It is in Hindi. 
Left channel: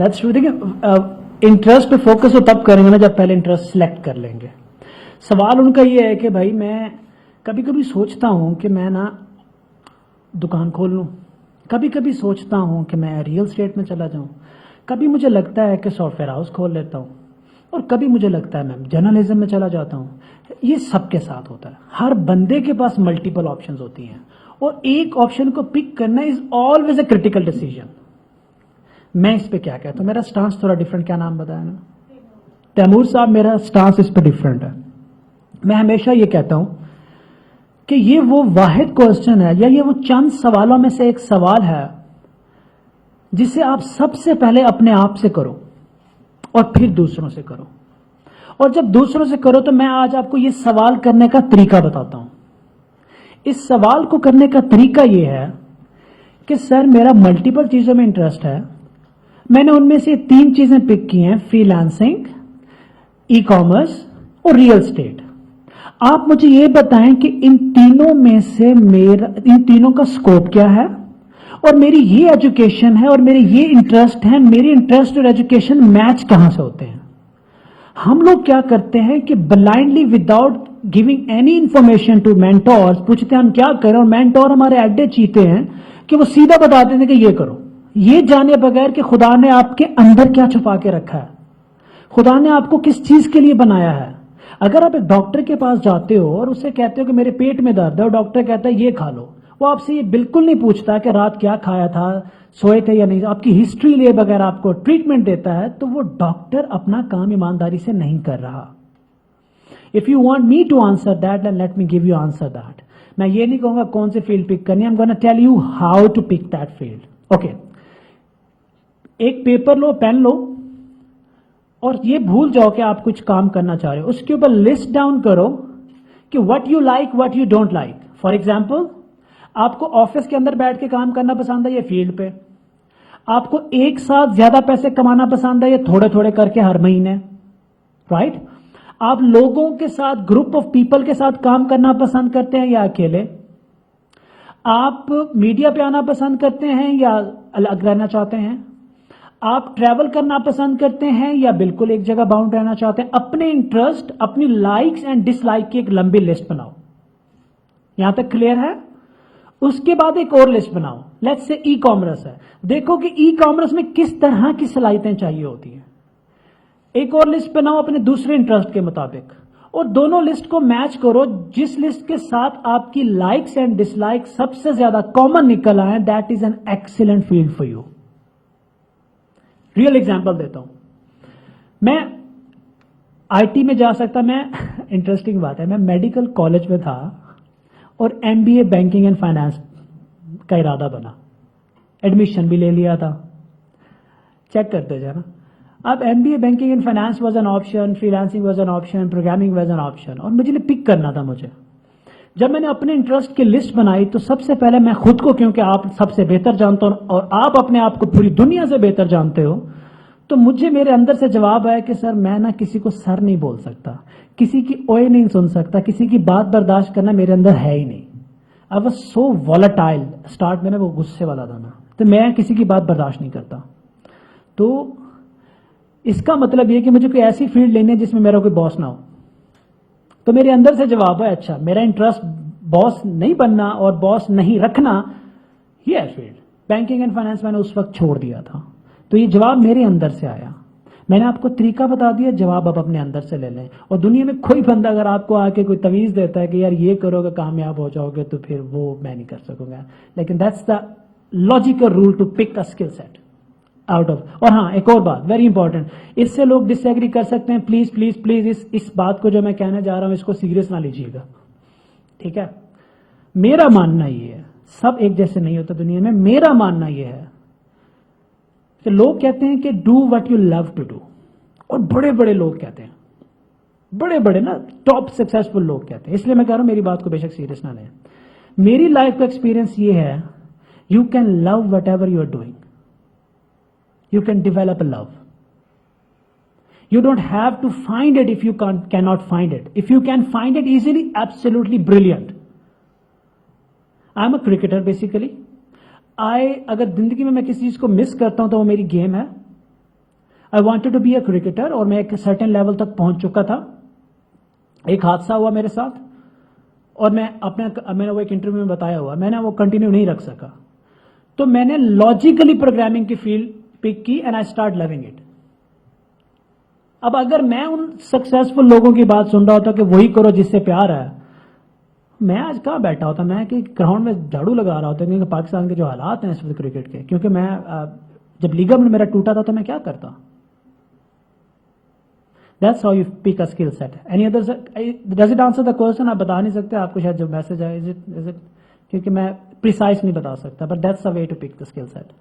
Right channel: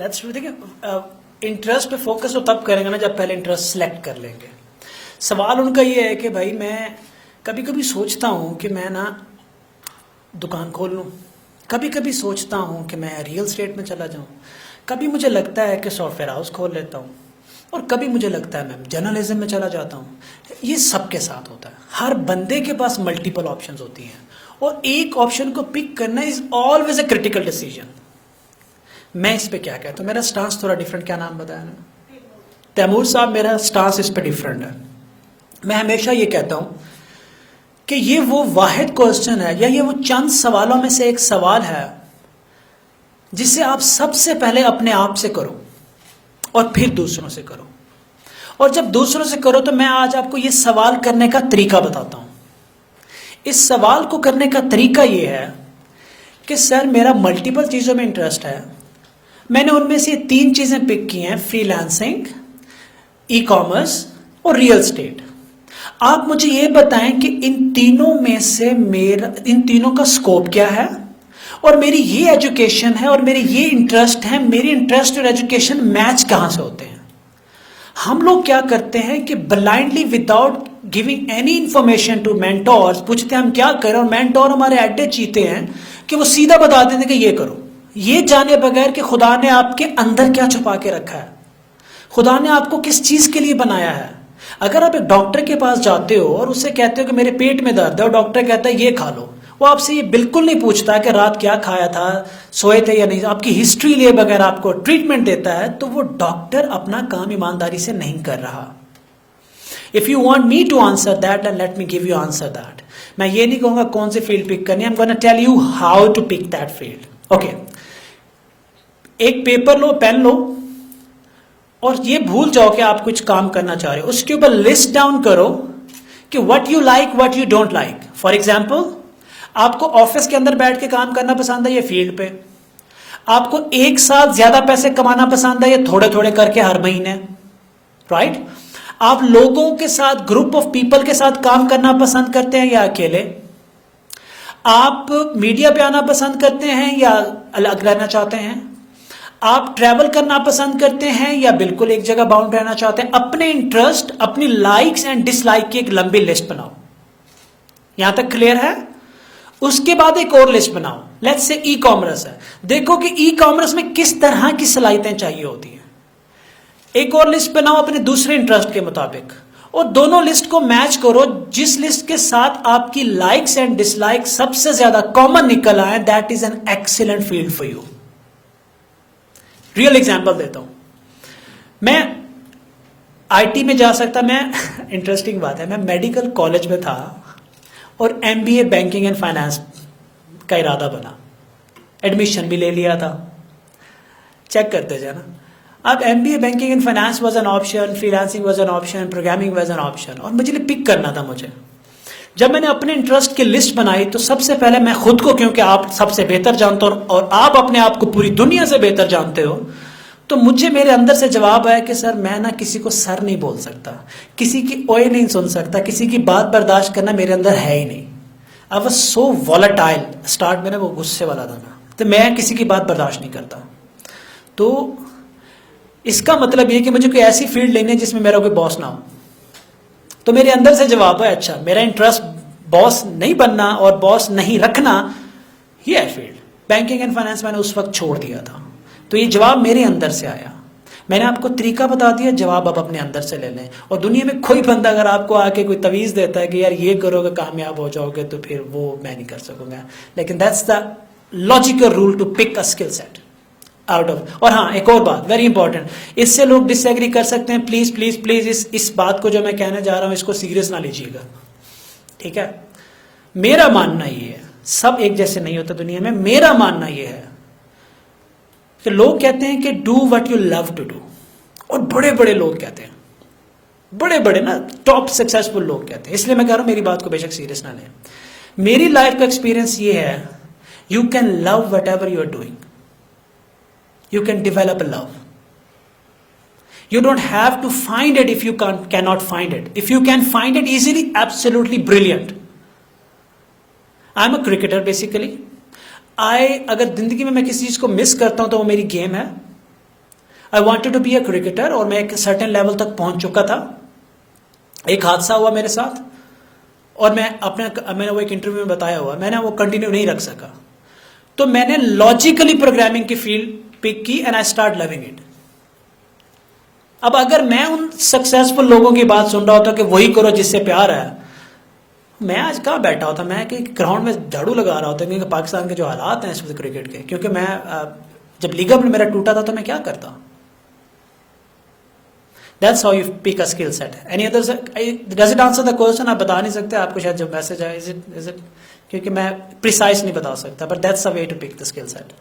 That's true. देखिए इंटरेस्ट पे फोकस तो तब करेंगे ना जब पहले इंटरेस्ट सेलेक्ट कर लेंगे। सवाल उनका ये है कि भाई मैं कभी कभी सोचता हूँ कि मैं ना दुकान खोल लूँ, कभी कभी सोचता हूँ कि मैं रियल स्टेट में चला जाऊँ, कभी मुझे लगता है कि सॉफ्टवेयर हाउस खोल लेता हूँ, और कभी मुझे लगता है मैं जर्नलिज्म में चला जाता हूँ। ये सबके साथ होता है, हर बंदे के पास मल्टीपल ऑप्शंस होती हैं और एक ऑप्शन को पिक करना is always a critical decision. मैं इस पे क्या कहता हूँ, मेरा स्टांस थोड़ा डिफरेंट। क्या नाम बताया ना, तैमूर साहब, मेरा स्टांस इस पे डिफरेंट है। मैं हमेशा ये कहता हूँ कि ये वो वाहिद क्वेश्चन है या ये वो चंद सवालों में से एक सवाल है जिसे आप सबसे पहले अपने आप से करो और फिर दूसरों से करो। और जब दूसरों से करो तो मैं आज आपको ये सवाल करने का तरीका बताता हूं। इस सवाल को करने का तरीका ये है कि सर मेरा मल्टीपल चीजों में इंटरेस्ट है, मैंने उनमें से 3 चीजें पिक की हैं, फ्रीलांसिंग, ई कॉमर्स और रियल स्टेट। आप मुझे ये बताएं कि इन तीनों में से इन तीनों का स्कोप क्या है, और मेरी ये एजुकेशन है और मेरे ये इंटरेस्ट है, मेरे इंटरेस्ट और एजुकेशन मैच कहां से होते हैं। हम लोग क्या करते हैं कि blindly without giving any information to mentors पूछते हैं हम क्या करें, और मेंटोर हमारे अड्डे चीते हैं कि वो सीधा बता देते हैं कि ये करो, ये जाने बगैर कि खुदा ने आपके अंदर क्या छुपा के रखा है, खुदा ने आपको किस चीज के लिए बनाया है। अगर आप एक डॉक्टर के पास जाते हो और उससे कहते हो कि मेरे पेट में दर्द है और डॉक्टर कहता है ये खा लो, वो आपसे ये बिल्कुल नहीं पूछता कि रात क्या खाया था, सोए थे या नहीं, आपकी हिस्ट्री लिए बगैर आपको ट्रीटमेंट देता है, तो वो डॉक्टर अपना काम ईमानदारी से नहीं कर रहा। If you want me to answer that and let me give you answer that. मैं ये नहीं कहूंगा कौन सी फील्ड पिक करनी है, I am gonna tell you how to pick that field. Okay, एक पेपर लो, पेन लो, और ये भूल जाओ कि आप कुछ काम करना चाह रहे हो, उसके ऊपर लिस्ट डाउन करो कि what you like, what you don't like. For example, आपको ऑफिस के अंदर बैठ के काम करना पसंद है या फील्ड पे, आपको एक साथ ज्यादा पैसे कमाना पसंद है या थोड़े थोड़े करके हर महीने, राइट? आप लोगों के साथ, ग्रुप ऑफ पीपल के साथ काम करना पसंद करते हैं या अकेले, आप मीडिया पे आना पसंद करते हैं या अलग रहना चाहते हैं, आप ट्रैवल करना पसंद करते हैं या बिल्कुल एक जगह बाउंड रहना चाहते हैं। अपने इंटरेस्ट, अपनी लाइक्स एंड डिसलाइक की एक लंबी लिस्ट बनाओ। यहां तक क्लियर है? उसके बाद एक और लिस्ट बनाओ, लेट्स से ई कॉमर्स है, देखो कि ई कॉमर्स में किस तरह की सलाहियतें चाहिए होती हैं। एक और लिस्ट बनाओ अपने दूसरे इंटरेस्ट के मुताबिक, और दोनों लिस्ट को मैच करो। जिस लिस्ट के साथ आपकी लाइक्स एंड डिसलाइक सबसे ज्यादा कॉमन निकल आए, that is an excellent field for you. Real example देता हूं, मैं आईटी में जा सकता, मैं इंटरेस्टिंग बात है, मैं मेडिकल कॉलेज में था और एमबीए बैंकिंग एंड फाइनेंस का इरादा बना, एडमिशन भी ले लिया था, चेक करते जाना। अब MBA banking and finance was an option, freelancing was an option, programming was an option, और मुझे पिक करना था मुझे। जब मैंने अपने इंटरेस्ट की लिस्ट बनाई तो सबसे पहले मैं खुद को, क्योंकि आप सबसे बेहतर जानते हो और आप अपने आप को पूरी दुनिया से बेहतर जानते हो, तो मुझे मेरे अंदर से जवाब आया कि सर मैं ना किसी को सर नहीं बोल सकता, किसी की ओए नहीं सुन सकता, किसी की बात बर्दाश्त करना मेरे अंदर है ही नहीं। I was so volatile, start में ना वो गुस्से वाला था ना, तो मैं किसी की बात बर्दाश्त नहीं करता। तो इसका मतलब ये कि मुझे कोई ऐसी फील्ड लेनी है जिसमें मेरा कोई बॉस ना हो। तो मेरे अंदर से जवाब है, अच्छा मेरा इंटरेस्ट बॉस नहीं बनना और बॉस नहीं रखना, ये है फील्ड। बैंकिंग एंड फाइनेंस मैंने उस वक्त छोड़ दिया था, तो ये जवाब मेरे अंदर से आया। मैंने आपको तरीका बता दिया, जवाब आप अपने अंदर से ले लें। और दुनिया में कोई बंदा अगर आपको आके कोई तवीज देता है कि यार ये करोगे कामयाब हो जाओगे, तो फिर वो मैं नहीं कर सकूंगा। लेकिन that's the logical rule to pick a skill set out of. और हाँ, एक और बात वेरी इंपॉर्टेंट, इससे लोग डिसएग्री कर सकते हैं, प्लीज प्लीज प्लीज इस बात को जो मैं कहने जा रहा हूं इसको सीरियस ना लीजिएगा, ठीक है? मेरा मानना ये है, सब एक जैसे नहीं होता दुनिया में। मेरा मानना ये है कि लोग कहते हैं कि do what you love to do, और बड़े बड़े लोग कहते हैं, बड़े बड़े ना टॉप सक्सेसफुल लोग कहते हैं। इसलिए मैं कह रहा हूं मेरी बात को बेशक सीरियस ना लें। मेरी लाइफ का एक्सपीरियंस ये है, you can love whatever you are doing, you can develop a love. You don't have to find it if you cannot find it. If you can find it easily, absolutely brilliant. I'm a cricketer basically. अगर जिंदगी में मैं किसी चीज को मिस करता हूं तो वो मेरी गेम है, I wanted to be a cricketer, और मैं एक सर्टेन लेवल तक पहुंच चुका था। एक हादसा हुआ मेरे साथ, और मैंने वो एक इंटरव्यू में बताया हुआ, मैंने वो कंटिन्यू नहीं रख सका। तो मैंने लॉजिकली प्रोग्रामिंग की फील्ड पिक की and I start loving it. अब अगर मैं उन सक्सेसफुल लोगों की बात सुन रहा होता कि वही करो जिससे प्यार है, मैं आज कहाँ बैठा होता, मैं कि ग्राउंड में झाड़ू लगा रहा होता, क्योंकि पाकिस्तान के जो हालात हैं इस वक्त क्रिकेट के, क्योंकि मैं जब लिगामेंट मेरा टूटा था तो मैं क्या करता। That's how you pick a skill set. Any other, does it answer the question? आप बता नहीं सकते, आपको शायद जो मैसेज आया, इज इट क्योंकि मैं प्रिसाइज नहीं बता सकता, but that's a way to pick the skill set.